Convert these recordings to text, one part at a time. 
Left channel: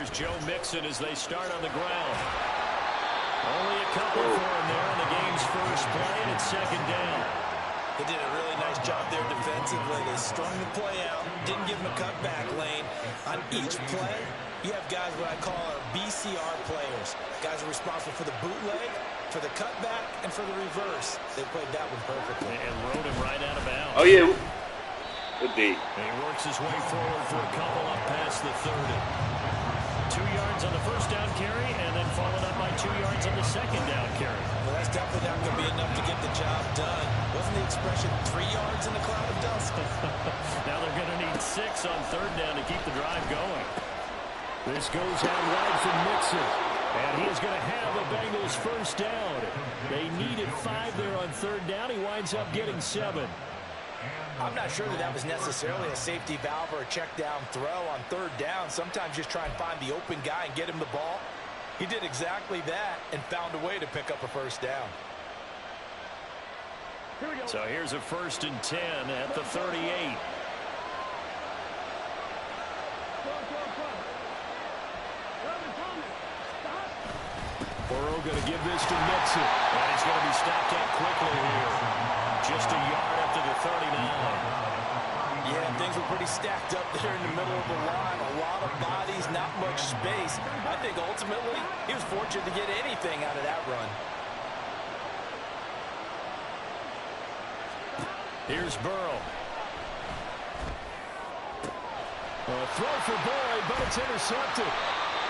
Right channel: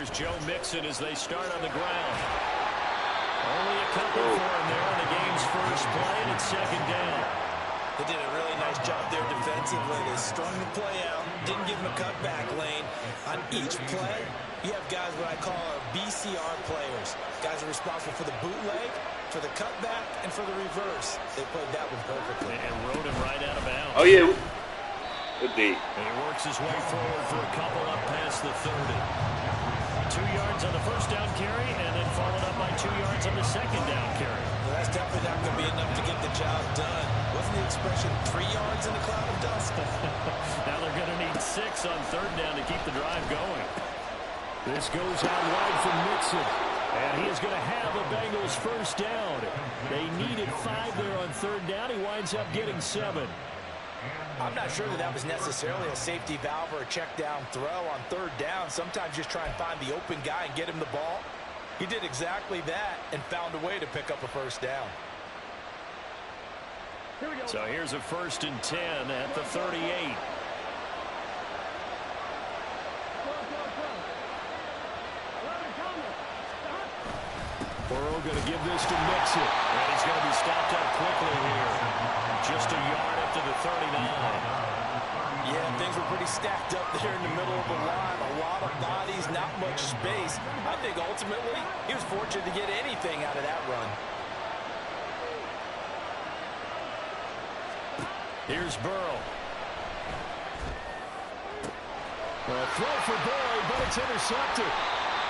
Here's Joe Mixon as they start on the ground. Only a couple for him there on the game's first play, and it's second down. They did a really nice job there defensively. They strung the play out, didn't give him a cutback lane. On each play, you have guys what I call our BCR players. Guys are responsible for the bootleg, for the cutback, and for the reverse. They played that one perfectly. And rode him right out of bounds. Oh, yeah. Good D. And he works his way forward for a couple up past the 30. 2 yards on the first down carry, and then followed up by 2 yards on the second down carry. Well, that's definitely not going to be enough to get the job done. Wasn't the expression 3 yards in a cloud of dust? Now they're going to need 6 on third down to keep the drive going. This goes out wide from Mixon. And he is going to have the Bengals first down. They needed 5 there on third down. He winds up getting 7. I'm not sure that was necessarily a safety valve or a check down throw on third down. Sometimes just try and find the open guy and get him the ball. He did exactly that and found a way to pick up a first down. So here's a 1st and 10 at the 38. Burrow going to give this to Mixon. And he's going to be stopped up quickly here. Just a yard up to the 39. Yeah, things were pretty stacked up there in the middle of the line. A lot of bodies, not much space. I think ultimately he was fortunate to get anything out of that run. Here's Burrow. A throw for Boyd, but it's intercepted.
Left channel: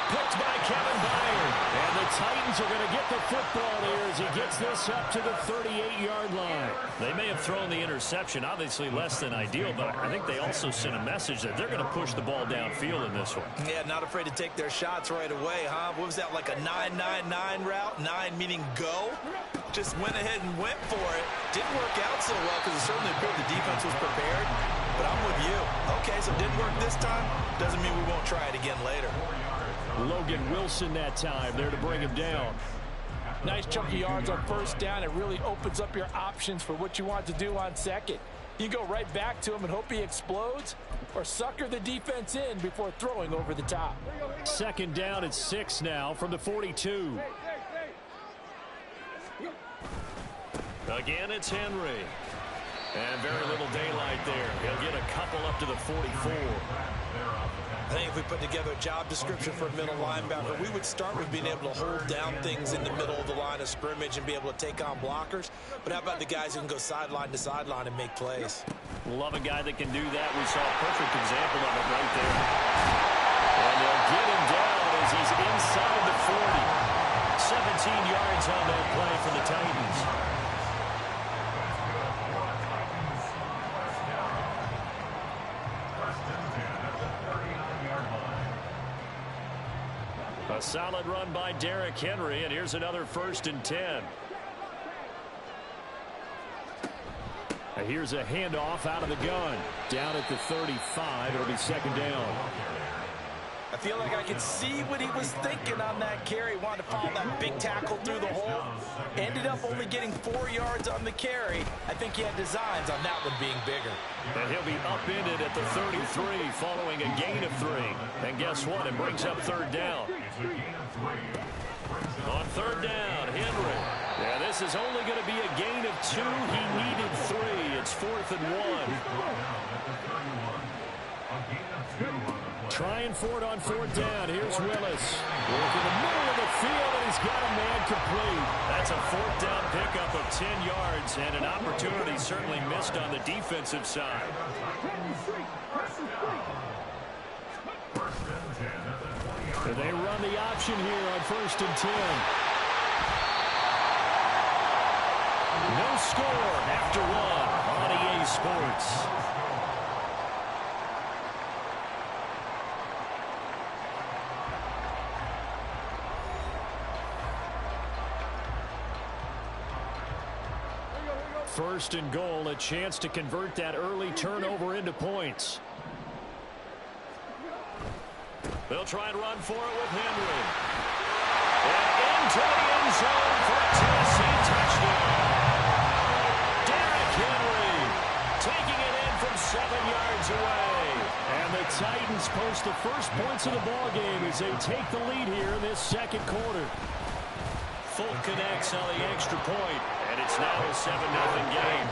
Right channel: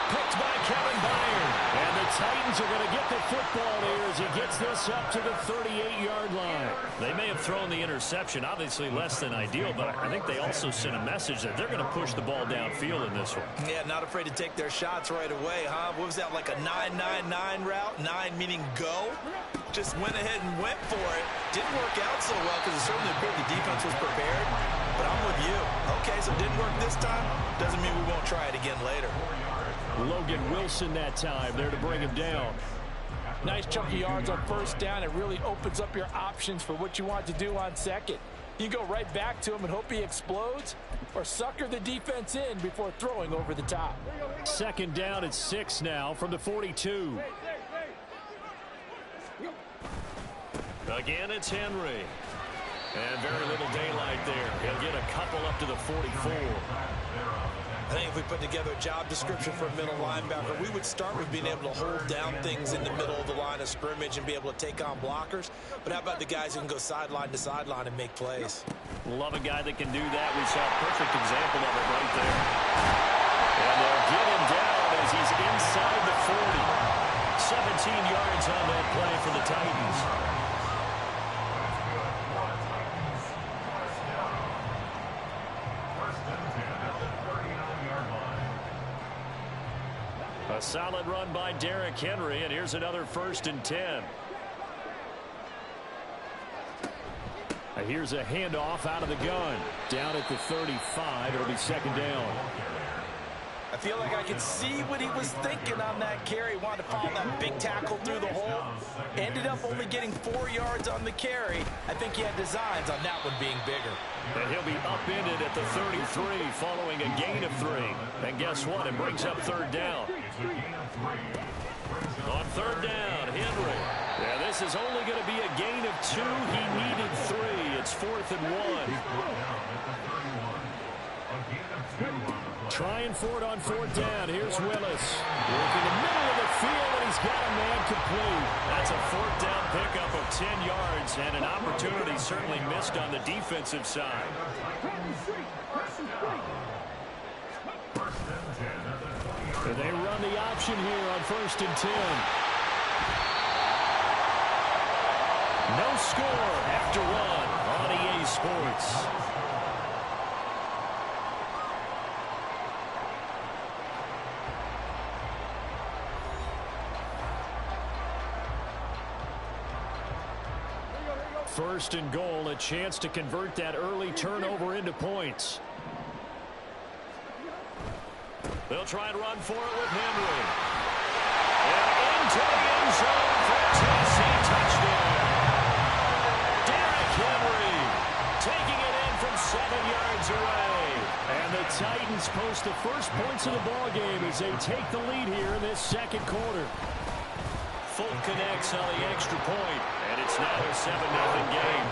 Picked by Kevin Byard. And the Titans are going to get the football here as he gets this up to the 38-yard line. They may have thrown the interception, obviously less than ideal, but I think they also sent a message that they're going to push the ball downfield in this one. Yeah, not afraid to take their shots right away, huh? What was that, like a 9-9-9 route? 9 meaning go? Just went ahead and went for it. Didn't work out so well because it certainly appeared the defense was prepared. But I'm with you. Okay, so it didn't work this time. Doesn't mean we won't try it again later. Logan Wilson that time there to bring him down. Nice chunk of yards on first down. It really opens up your options for what you want to do on second. You can go right back to him and hope he explodes, or sucker the defense in before throwing over the top. Second down at 6 now from the 42. Again, it's Henry. And very little daylight there. He'll get a couple up to the 44. I think if we put together a job description for a middle linebacker, we would start with being able to hold down things in the middle of the line of scrimmage and be able to take on blockers. But how about the guys who can go sideline to sideline and make plays? Love a guy that can do that. We saw a perfect example of it right there. And they'll get him down as he's inside the 40. 17 yards on that play for the Titans. A solid run by Derrick Henry, and here's another 1st and 10. Here's a handoff out of the gun. Down at the 35, it'll be second down. I feel like I could see what he was thinking on that carry. Wanted to follow that big tackle through the hole. Ended up only getting 4 yards on the carry. I think he had designs on that one being bigger. And he'll be upended at the 33 following a gain of 3. And guess what? It brings up third down. On third down, Henry. Yeah, this is only going to be a gain of 2. He needed 3. It's 4th and 1. Trying for it on 4th down. Here's Willis. Working the middle of the field, and he's got a man complete. That's a 4th down pickup of 10 yards, and an opportunity certainly missed on the defensive side. And they run the option here on 1st and 10. No score after 1 on EA Sports. First and goal, a chance to convert that early turnover into points. They'll try and run for it with Henry. And into the end zone for a Tennessee touchdown. Derrick Henry taking it in from 7 yards away. And the Titans post the first points of the ball game as they take the lead here in this second quarter. Folk connects on the extra point, and it's now a 7-0 game.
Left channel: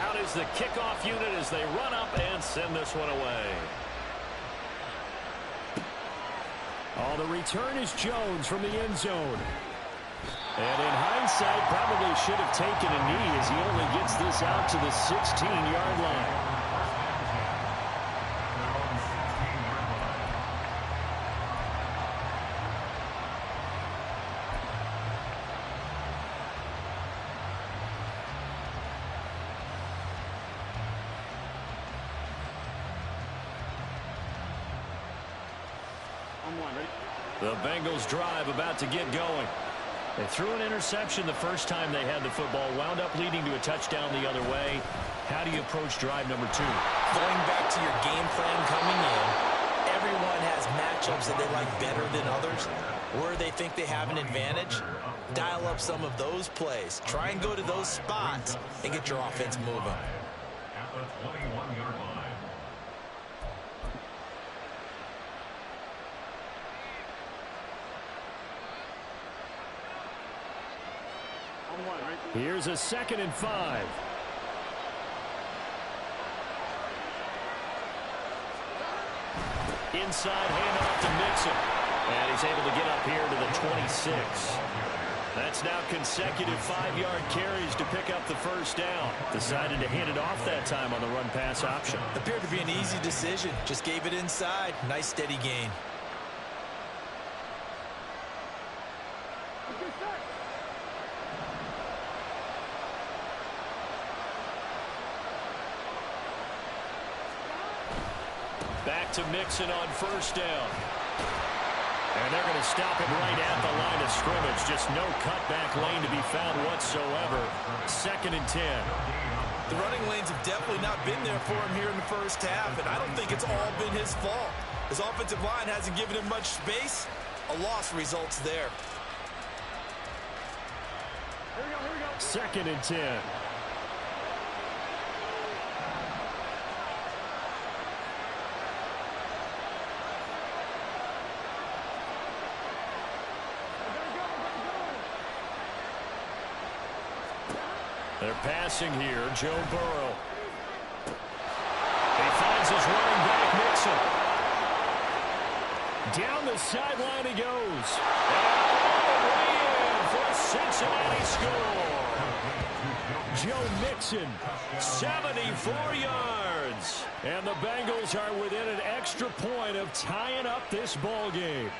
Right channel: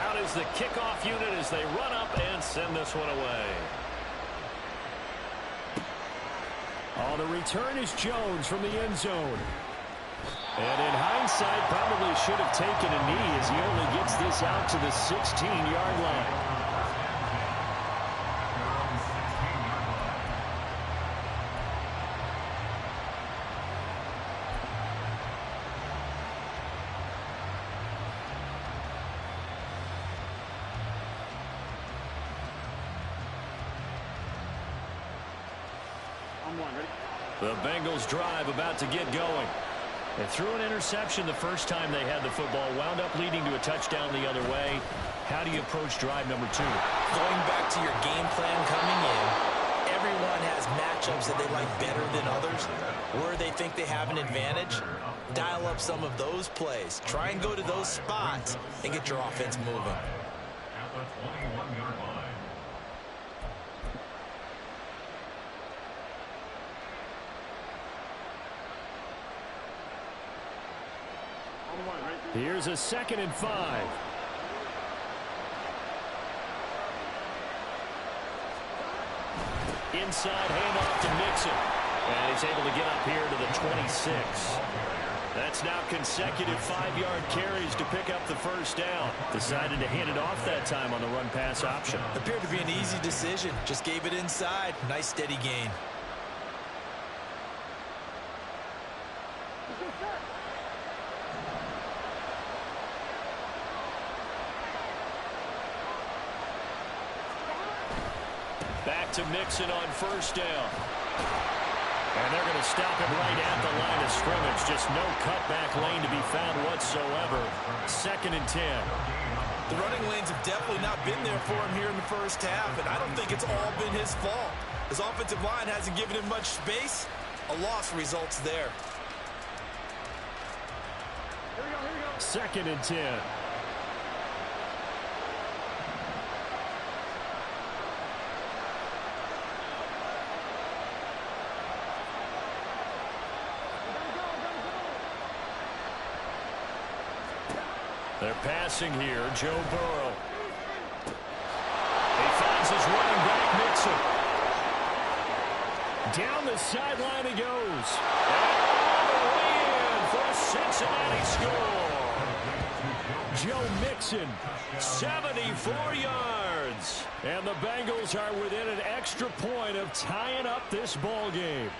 Out is the kickoff unit as they run up and send this one away. Oh, the return is Jones from the end zone. And in hindsight, probably should have taken a knee as he only gets this out to the 16-yard line. The Bengals drive about to get going. They threw an interception the first time they had the football, wound up leading to a touchdown the other way. How do you approach drive number 2? Going back to your game plan coming in, everyone has matchups that they like better than others. Where they think they have an advantage, dial up some of those plays. Try and go to those spots and get your offense moving. At the 21-yard line. Here's a 2nd and 5. Inside handoff to Mixon. And he's able to get up here to the 26. That's now consecutive 5-yard carries to pick up the first down. Decided to hand it off that time on the run-pass option. Appeared to be an easy decision. Just gave it inside. Nice steady gain. Back to Mixon on first down. And they're going to stop him right at the line of scrimmage. Just no cutback lane to be found whatsoever. 2nd and 10. The running lanes have definitely not been there for him here in the first half, and I don't think it's all been his fault. His offensive line hasn't given him much space. A loss results there. Here we go. 2nd and 10. They're passing here. Joe Burrow. He finds his running back, Mixon. Down the sideline he goes. And all the way in for a Cincinnati score. Joe Mixon, 74 yards. And the Bengals are within an extra point of tying up this ball game.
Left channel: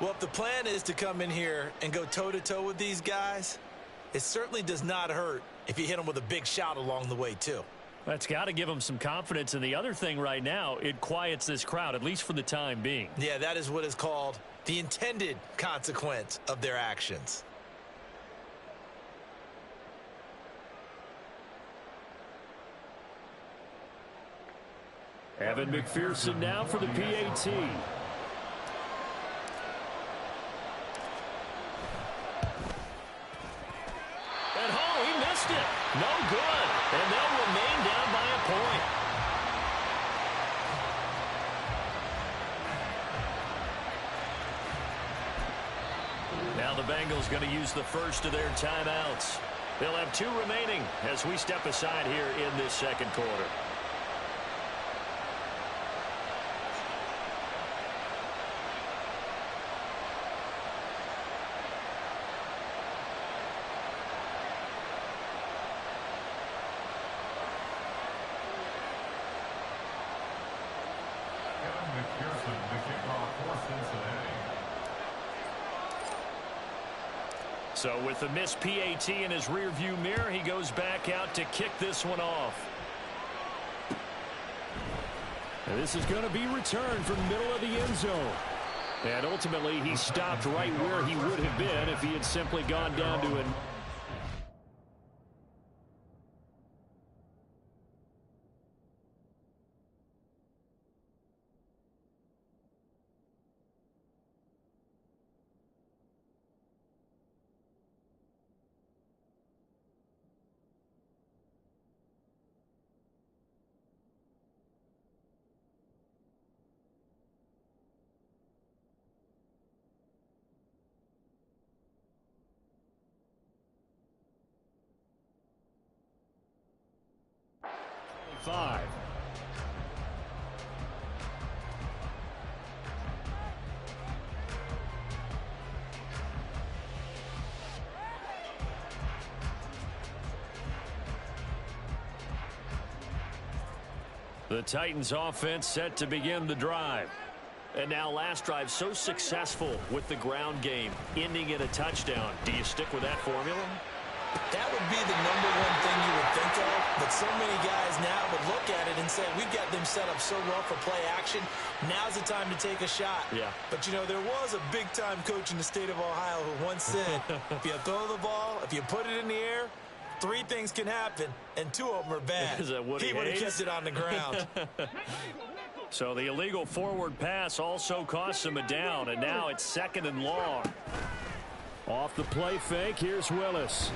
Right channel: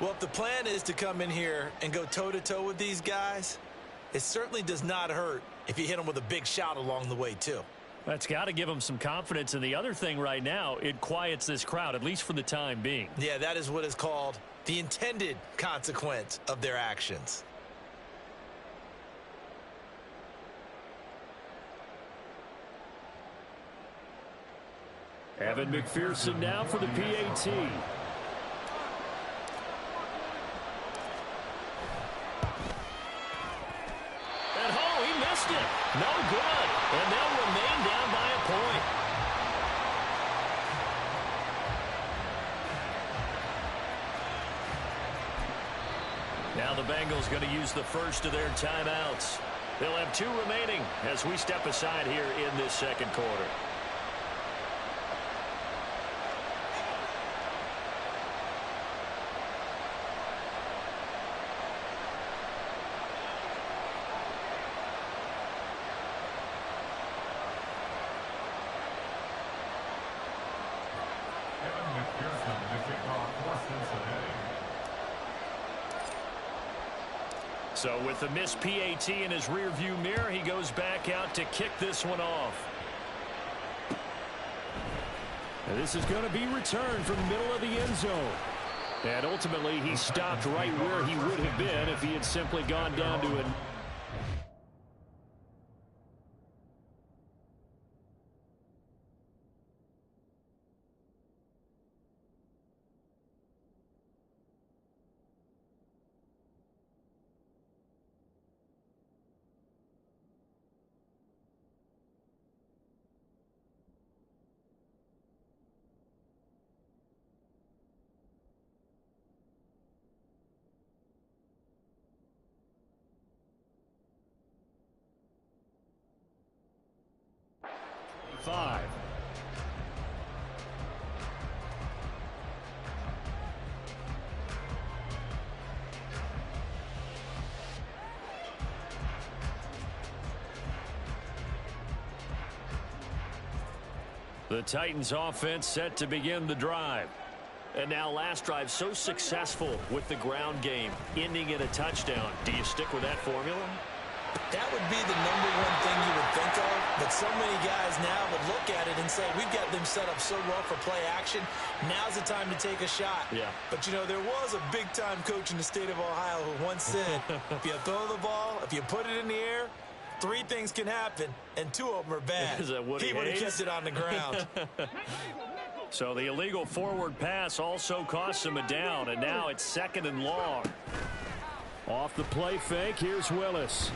Well, if the plan is to come in here and go toe-to-toe with these guys, it certainly does not hurt if you hit them with a big shot along the way, too. That's got to give them some confidence. And the other thing right now, it quiets this crowd, at least for the time being. Yeah, that is what is called the intended consequence of their actions. Evan McPherson now for the PAT. And oh, he missed it. No good. And they'll remain down by a point. Now the Bengals going to use the first of their timeouts. They'll have 2 remaining as we step aside here in this second quarter. McPherson to kick off for Cincinnati. So with the missed PAT in his rearview mirror, he goes back out to kick this one off. And this is going to be returned from the middle of the end zone. And ultimately, he stopped right where he would have been if he had simply gone down to an 5. The Titans offense set to begin the drive. And now last drive so successful with the ground game, ending in a touchdown. Do you stick with that formula? That would be the number one thing you would think of, but so many guys now would look at it and say, we've got them set up so well for play action. Now's the time to take a shot. Yeah. But, you know, there was a big-time coach in the state of Ohio who once said, if you throw the ball, if you put it in the air, 3 things can happen, and 2 of them are bad. Is that Woody He would have Hayes? kept it on the ground. So the illegal forward pass also costs him a down, and now it's 2nd and long. Off the play fake, here's Willis.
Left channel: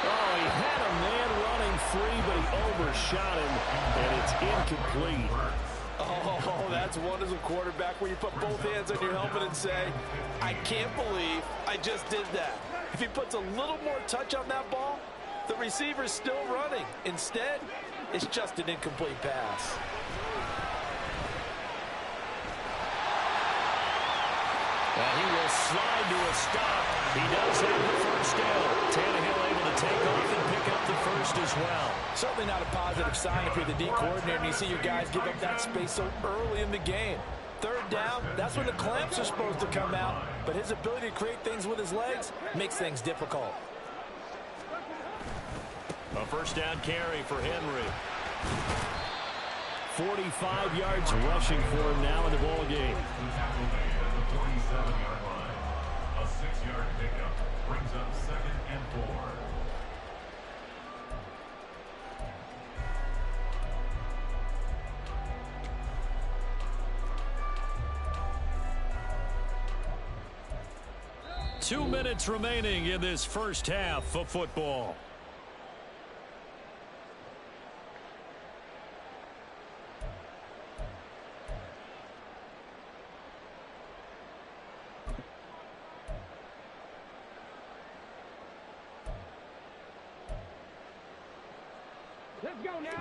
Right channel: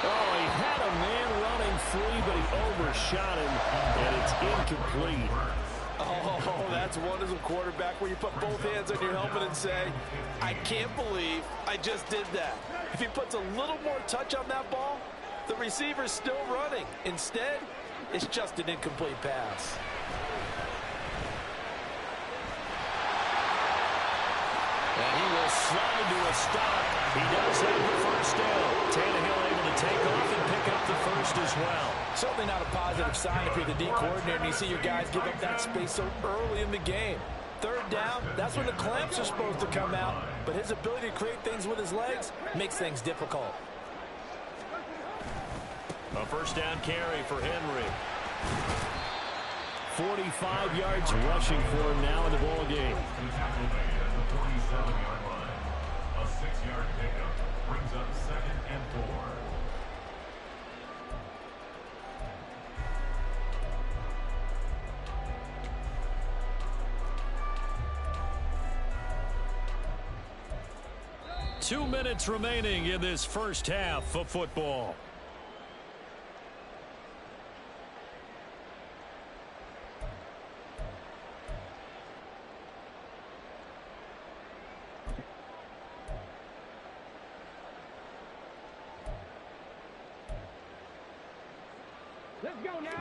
Oh, he had a man running free, but he overshot him, and it's incomplete. Oh, that's one as a quarterback where you put both hands on your helmet and say, I can't believe I just did that. If he puts a little more touch on that ball, the receiver's still running. Instead, it's just an incomplete pass. And he will slide to a stop. He does have the first down. Tannehill able to take off and pick up the first as well. Certainly not a positive sign if you're the D coordinator and you see your guys give up that space so early in the game. 3rd down, that's when the clamps are supposed to come out, but his ability to create things with his legs makes things difficult. A first down carry for Henry. 45 yards rushing for him now in the ball game. The tackle made at the 47-yard line. A 6-yard pickup brings up 2nd and 4. Two minutes remaining in this first half of football.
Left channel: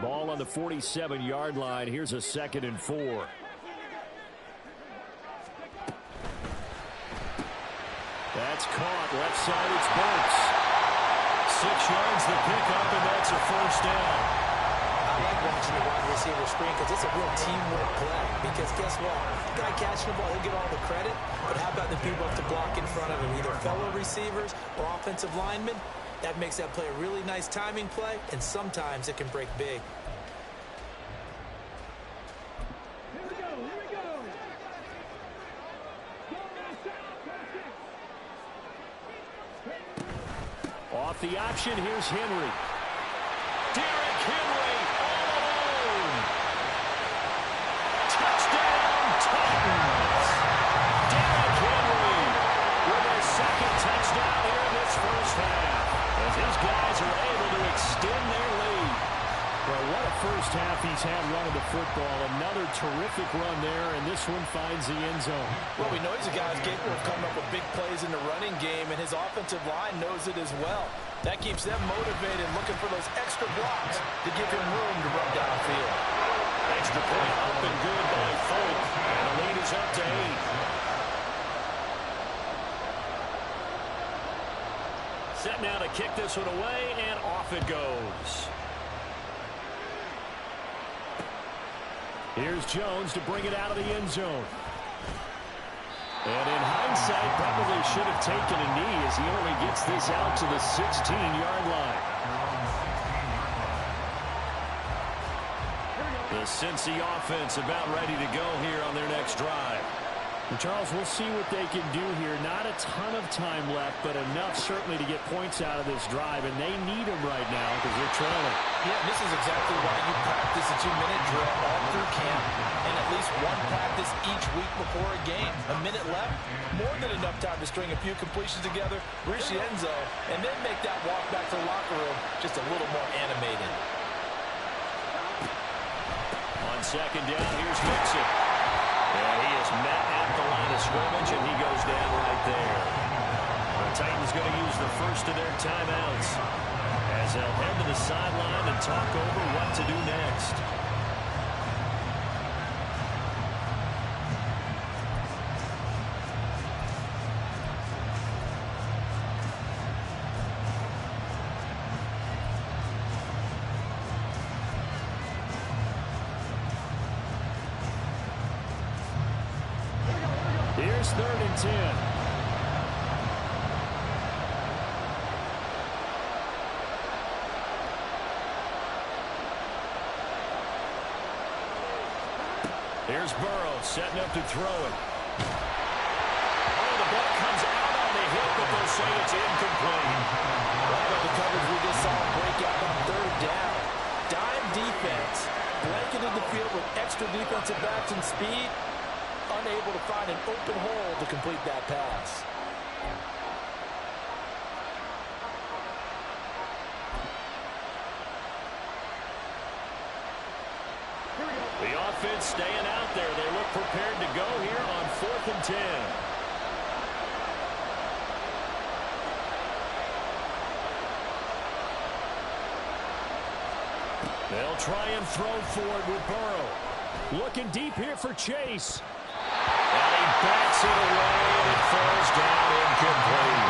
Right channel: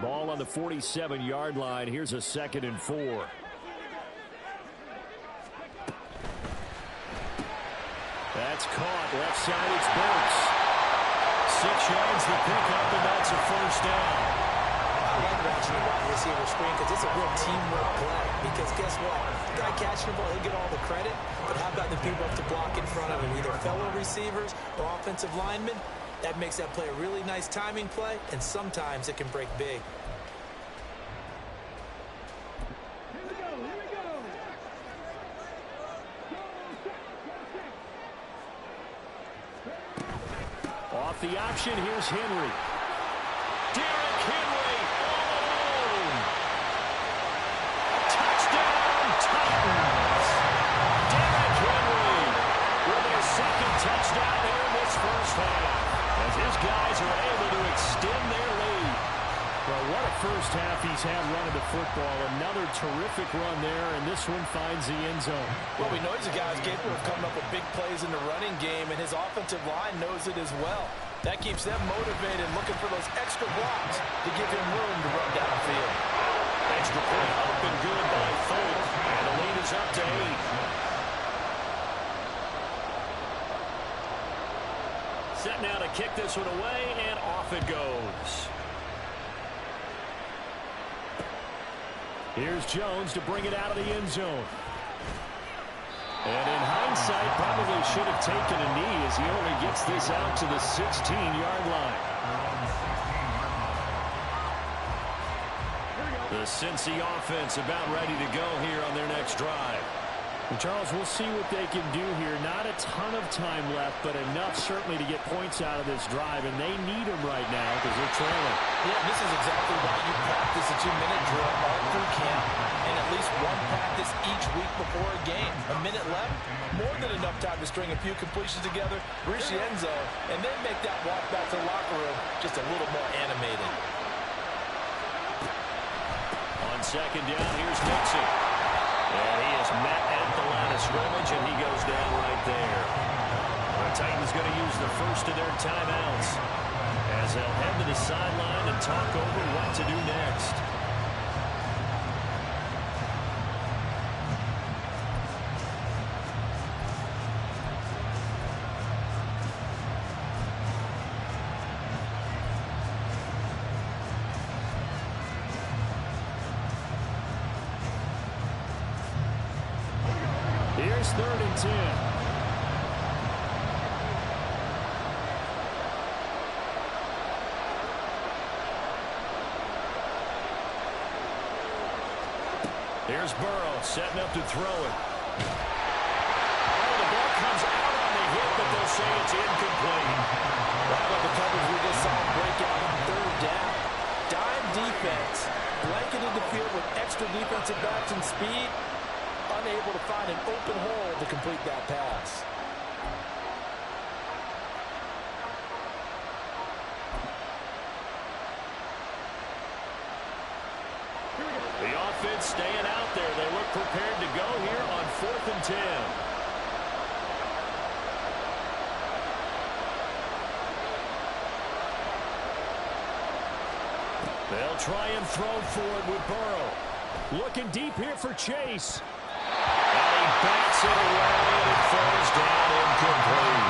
Ball on the 47-yard line. Here's a 2nd and 4. That's caught. Left side, it's Burks. 6 yards the pickup, and that's a first down. I like watching the wide receiver screen because it's a real teamwork play. Because guess what? The guy catching the ball, he'll get all the credit. But how about the people have to block in front of him, either fellow receivers or offensive linemen? That makes that play a really nice timing play, and sometimes it can break big. Off the option, here's Henry. Derrick Henry all alone. Touchdown, Titans. Derrick Henry with their 2nd touchdown here in this first half, as his guys are able to extend their lead. Well, what a first half he's had running the football. Another terrific run there, and this one finds the end zone. Well, we know he's a guy who's capable of coming up with big plays in the running game, and his offensive line knows it as well. That keeps them motivated, looking for those extra blocks to give him room to run downfield. Extra point up and good by Folk, and the lead is up to 8. Set now to kick this one away, and off it goes. Here's Jones to bring it out of the end zone. And in hindsight, probably should have taken a knee as he only gets this out to the 16-yard line. The Cincy offense about ready to go here on their next drive. And Charles, we'll see what they can do here. Not a ton of time left, but enough certainly to get points out of this drive, and they need them right now because they're trailing. Yeah, this is exactly why you practice a 2-minute drill all through camp and at least one practice each week before a game. A minute left, more than enough time to string a few completions together, reach the end zone, and then make that walk back to the locker room just a little more animated. On 2nd down, here's Mixon. And he is met at the line of scrimmage, and he goes down right there. The Titans going to use the first of their timeouts as they'll head to the sideline and talk over what to do next. Here's 3rd and 10. Here's Burrow setting up to throw it. Oh, the ball comes out on the hit, but they'll say it's incomplete. Right on the coverage, we just saw him break out on 3rd down. Dime defense, blanketed the field with extra defensive backs and speed, unable to find an open hole to complete that pass. The offense staying out there. They look prepared to go here on 4th and 10. They'll try and throw for it with Burrow. Looking deep here for Chase. And he bats it away, and it falls down incomplete.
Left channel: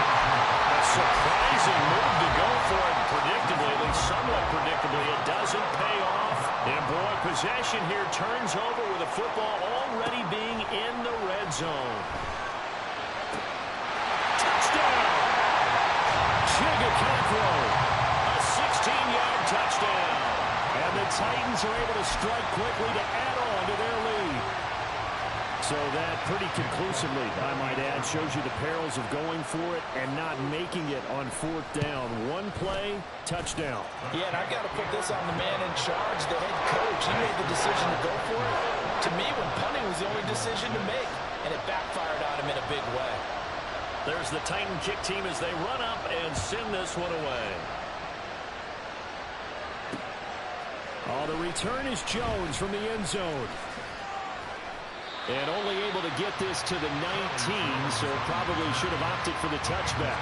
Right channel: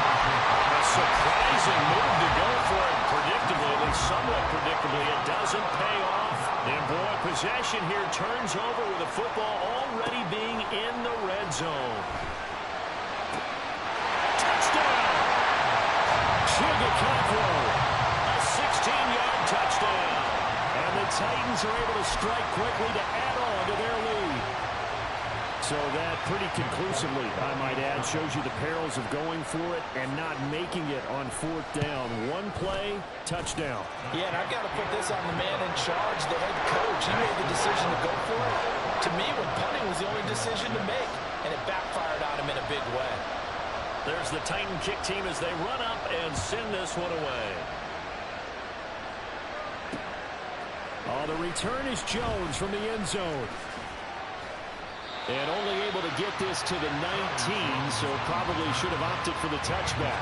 A surprising move to go for it. Predictably, at least somewhat predictably, it doesn't pay off. And boy, possession here turns over with the football already being in the red zone. Touchdown! Chigakakwo, a 16-yard touchdown. And the Titans are able to strike quickly to add on to their lead. So that pretty conclusively, I might add, shows you the perils of going for it and not making it on 4th down. One play, touchdown. Yeah, and I've got to put this on the man in charge, the head coach. He made the decision to go for it. To me, when punting was the only decision to make, and it backfired on him in a big way. There's the Titan kick team as they run up and send this one away. Oh, the return is Jones from the end zone. And only able to get this to the 19, so probably should have opted for the touchback.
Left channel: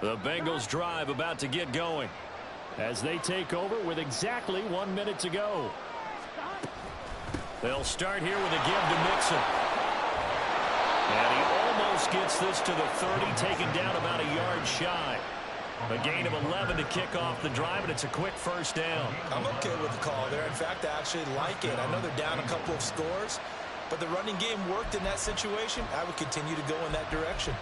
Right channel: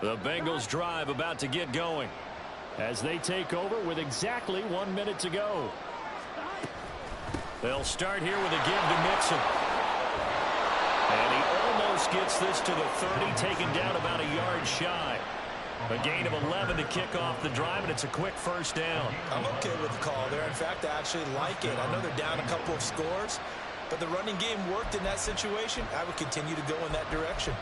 The Bengals drive about to get going as they take over with exactly 1 minute to go. They'll start here with a give to Mixon. And he almost gets this to the 30, taken down about a yard shy. A gain of 11 to kick off the drive, and it's a quick 1st down. I'm okay with the call there. In fact, I actually like it. I know they're down a couple of scores, but the running game worked in that situation. I would continue to go in that direction.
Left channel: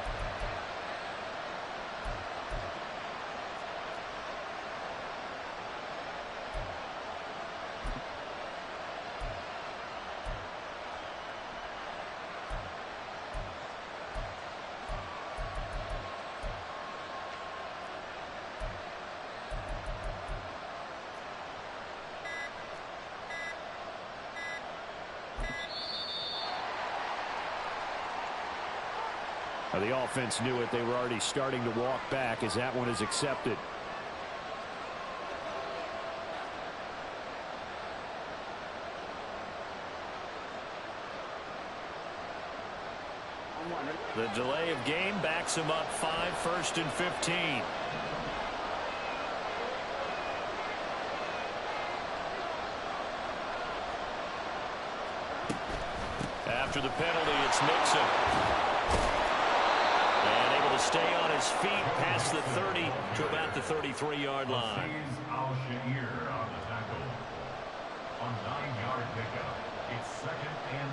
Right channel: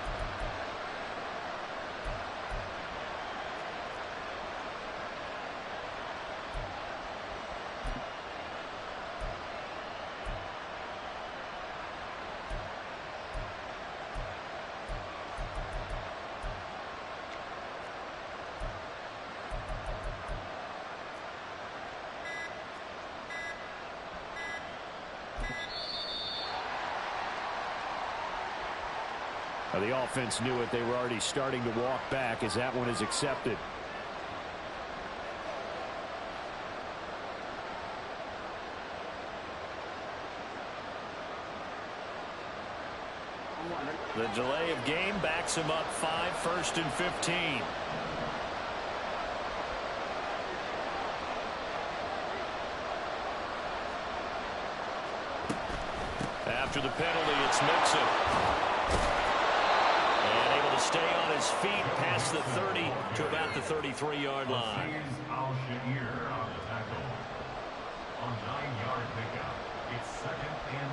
The offense knew it. They were already starting to walk back as that one is accepted. The delay of game backs him up 5, 1st and 15. After the penalty, it's Mixon. And able to stay on his feet past the 30 to about the 33-yard line. Al-Sha'ir on the tackle. On 9-yard pickup. It's 2nd and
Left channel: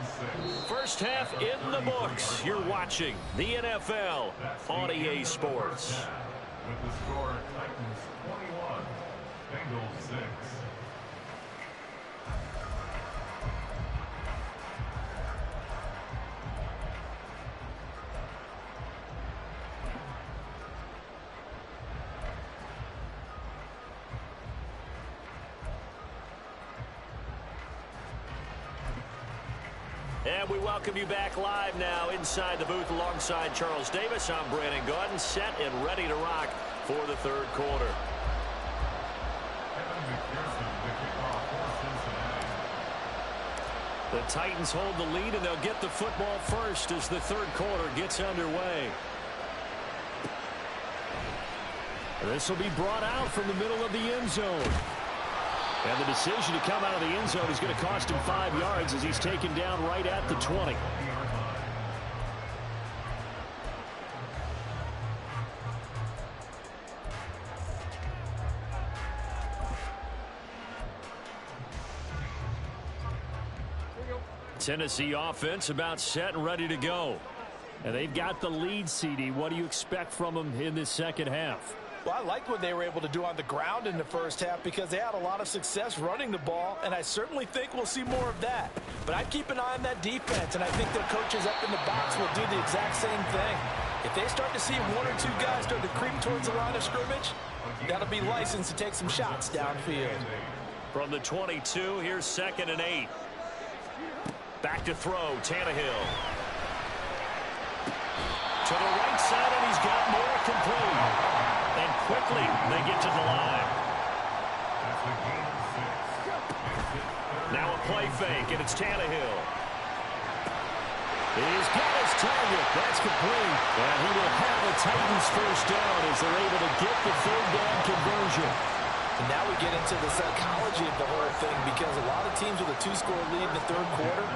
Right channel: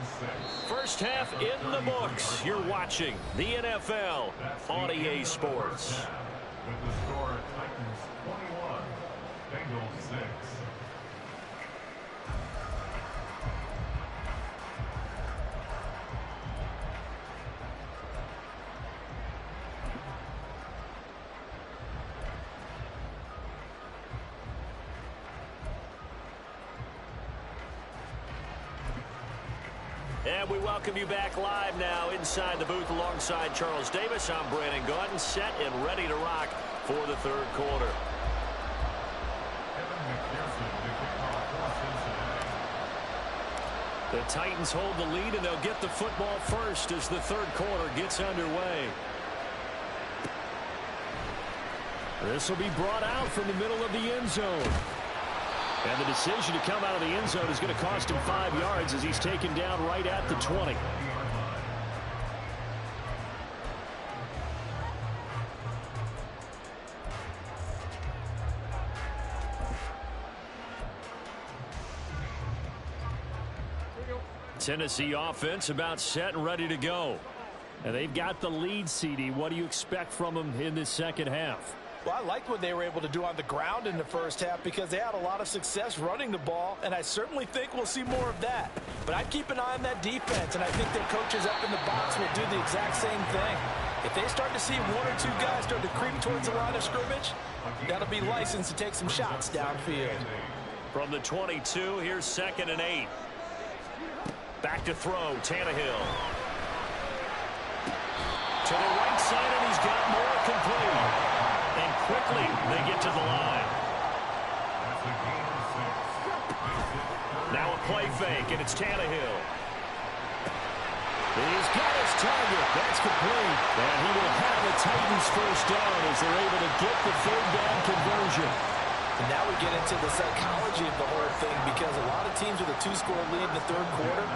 6. First half in the books. You're watching the NFL on EA Sports. With the score, Titans 21, Bengals 6. And we welcome you back live now inside the booth alongside Charles Davis. I'm Brandon Gaudin, set and ready to rock for the third quarter. Evan McPherson to kick off for Cincinnati. The Titans hold the lead, and they'll get the football first as the third quarter gets underway. This will be brought out from the middle of the end zone. And the decision to come out of the end zone is going to cost him 5 yards as he's taken down right at the 20. Tennessee offense about set and ready to go. And they've got the lead, CD. What do you expect from them in this second half? Well, I liked what they were able to do on the ground in the first half because they had a lot of success running the ball, and I certainly think we'll see more of that. But I'd keep an eye on that defense, and I think their coaches up in the box will do the exact same thing. If they start to see 1 or 2 guys start to creep towards the line of scrimmage, that'll be licensed to take some shots downfield. From the 22, here's 2nd and 8. Back to throw, Tannehill. To the right side, and he's got more complete. And quickly, they get to the line. That's a gain of 6. Now a play fake, and it's Tannehill. He's got his target. That's complete. And he will have the Titans first down as they're able to get the third down conversion. And now we get into the psychology of the whole thing because a lot of teams with a 2-score lead in the third quarter,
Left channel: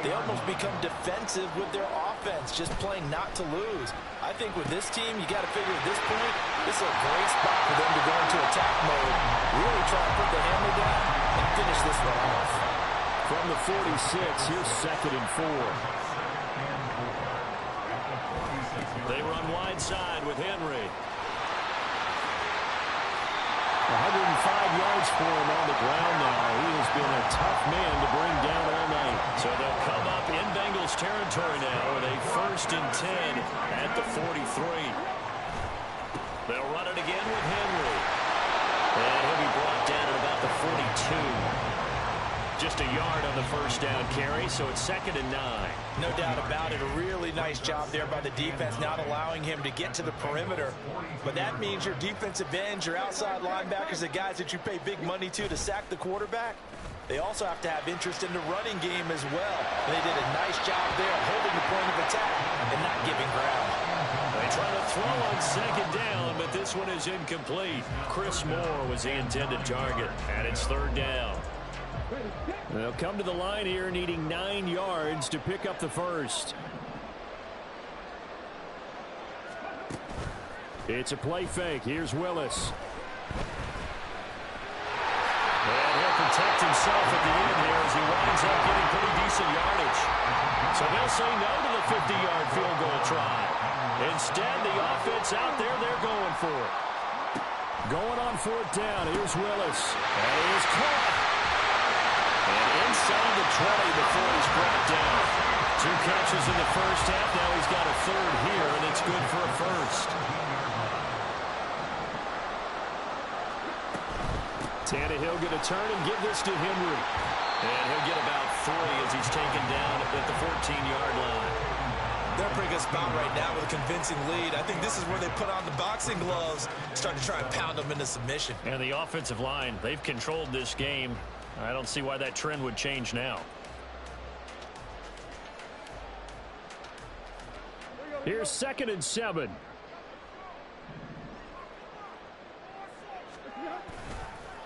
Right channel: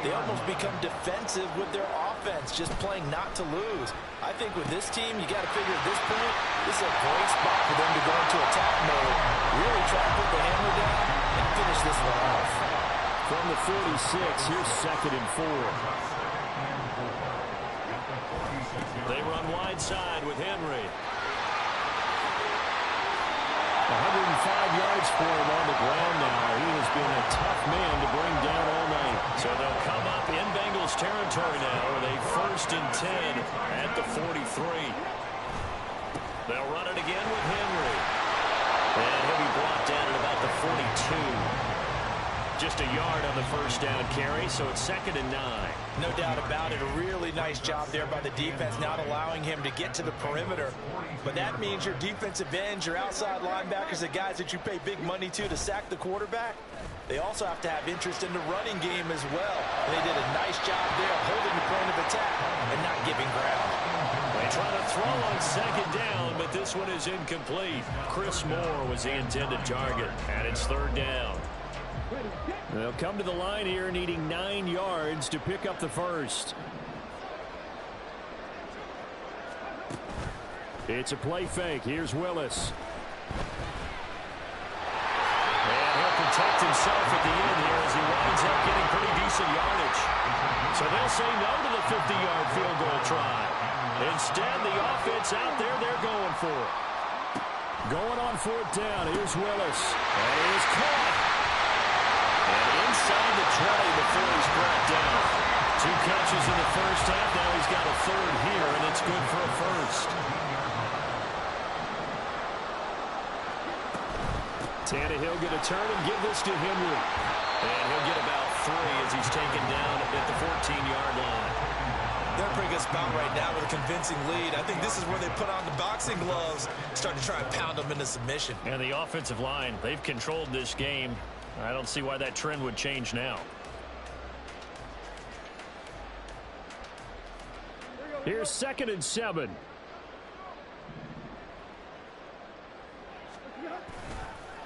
they almost become defensive with their offense, just playing not to lose. I think with this team, you got to figure at this point, this is a great spot for them to go into attack mode, really try to put the hammer down and finish this one off. From the 46, here's 2nd and 4. They run wide side with Henry. 105 yards for him on the ground now. He has been a tough man to bring down all night. So they'll come up in Bengals territory now with a 1st and 10 at the 43. They'll run it again with Henry. And he'll be brought down at about the 42. Just a yard on the first down carry, so it's 2nd and 9. No doubt about it. A really nice job there by the defense, not allowing him to get to the perimeter. But that means your defensive ends, your outside linebackers, the guys that you pay big money to sack the quarterback, they also have to have interest in the running game as well. And they did a nice job there of holding the point of attack and not giving ground. They try to throw on 2nd down, but this one is incomplete. Chris Moore was the intended target, and it's 3rd down. They'll come to the line here needing 9 yards to pick up the first. It's a play fake. Here's Willis. And he'll protect himself at the end here as he winds up getting pretty decent yardage. So they'll say no to the 50-yard field goal try. Instead, the offense out there, they're going for it. Going on 4th down. Here's Willis. And he is caught. And inside the 20 before he's brought down. 2 catches in the first half. Now he's got a 3rd here, and it's good for a first. Tannehill going to turn and give this to Henry. And he'll get about 3 as he's taken down at the 14-yard line. They're in a pretty good spot right now with a convincing lead. I think this is where they put on the boxing gloves, start to try and pound them into submission. And the offensive line, they've controlled this game. I don't see why that trend would change now. Here's 2nd and 7.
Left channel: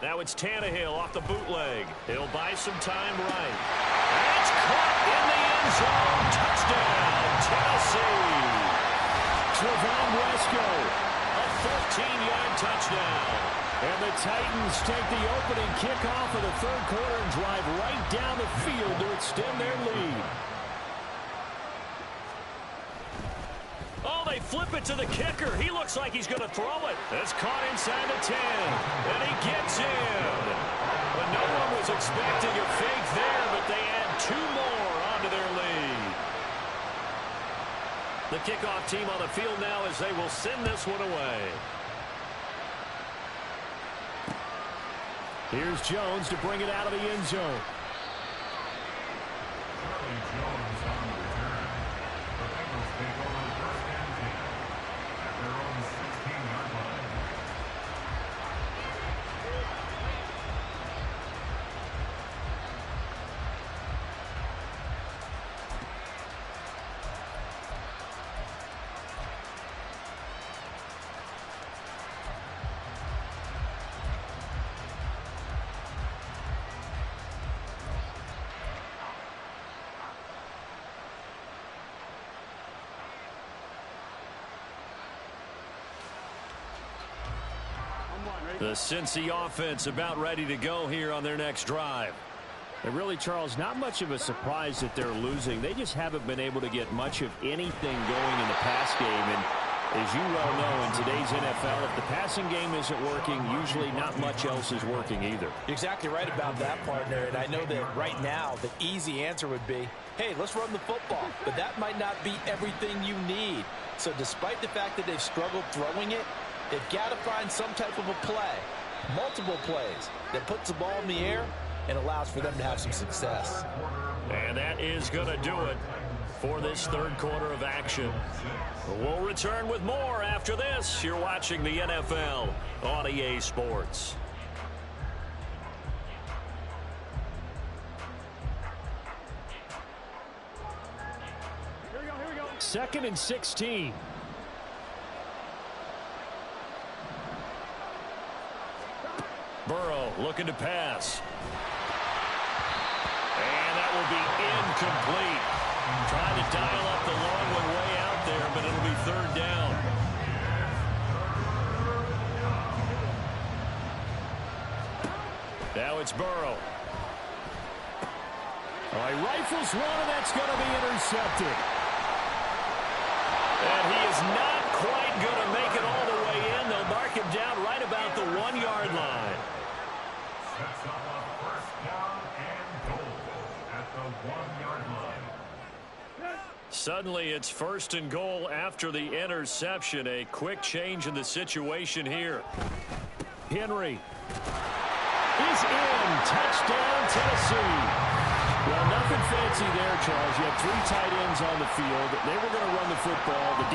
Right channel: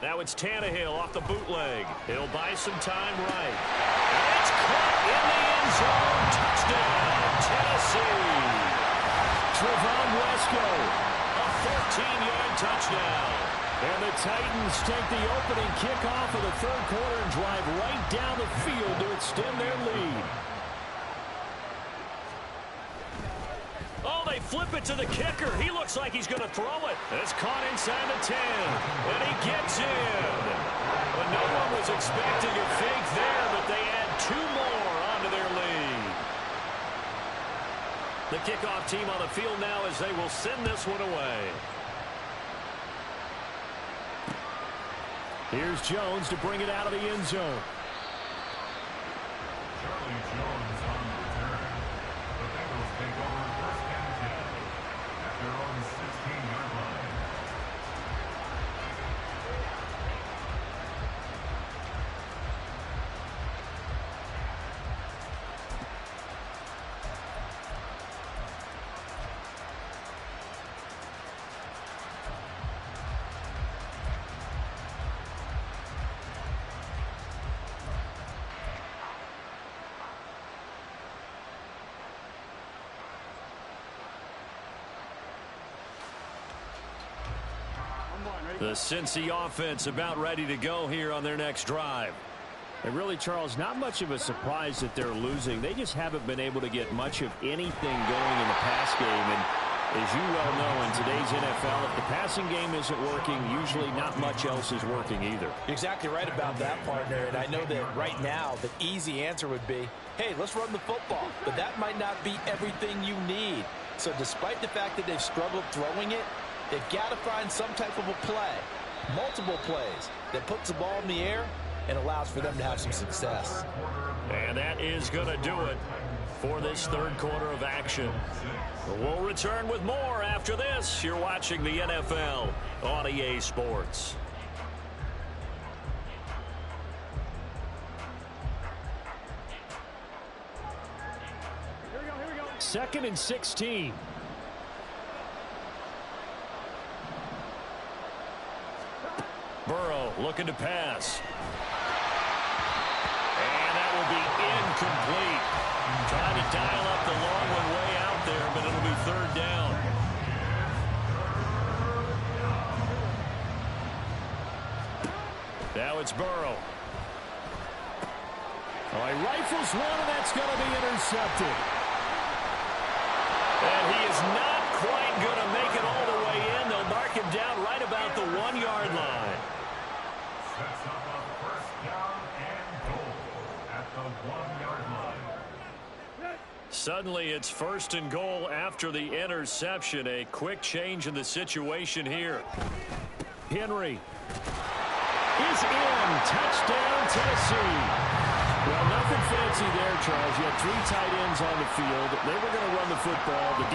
Now it's Tannehill off the bootleg. He'll buy some time right. And it's caught in the end zone. Touchdown, Tennessee. Trevon Wesco. A 14-yard touchdown. And the Titans take the opening kickoff of the 3rd quarter and drive right down the field to extend their lead. Oh, they flip it to the kicker. He looks like he's going to throw it. It's caught inside the 10. And he gets in. But no one was expecting a fake there, but they add 2 more onto their lead. The kickoff team on the field now as they will send this one away. Here's Jones to bring it out of the end zone. Charlie Jones on the return. The Bengals take over 1st and 10 at their own 16-yard line. The Cincy offense about ready to go here on their next drive. And really, Charles, not much of a surprise that they're losing. They just haven't been able to get much of anything going in the pass game. And as you well know, in today's NFL, if the passing game isn't working, usually not much else is working either. You're exactly right about that, partner. And I know that right now the easy answer would be, hey, let's run the football. But that might not be everything you need. So despite the fact that they've struggled throwing it, they've got to find some type of a play, multiple plays, that puts the ball in the air and allows for them to have some success. And that is going to do it for this 3rd quarter of action. We'll return with more after this. You're watching the NFL on EA Sports. Here we go. 2nd and 16. Burrow looking to pass. And that will be incomplete. Trying to dial up the long one way out there, but it'll be 3rd down. Now it's Burrow. Oh, he rifles one, and that's going to be intercepted. And he is not quite going to make it all the way in. They'll mark him down right about the 1-yard line. Sets up a 1st down and goal at the 1-yard line. Suddenly it's 1st and goal after the interception. A quick change in the situation here. Henry is in. Touchdown, Tennessee. Well, nothing fancy there, Charles. You had 3 tight ends on the field. They were going to run the football. The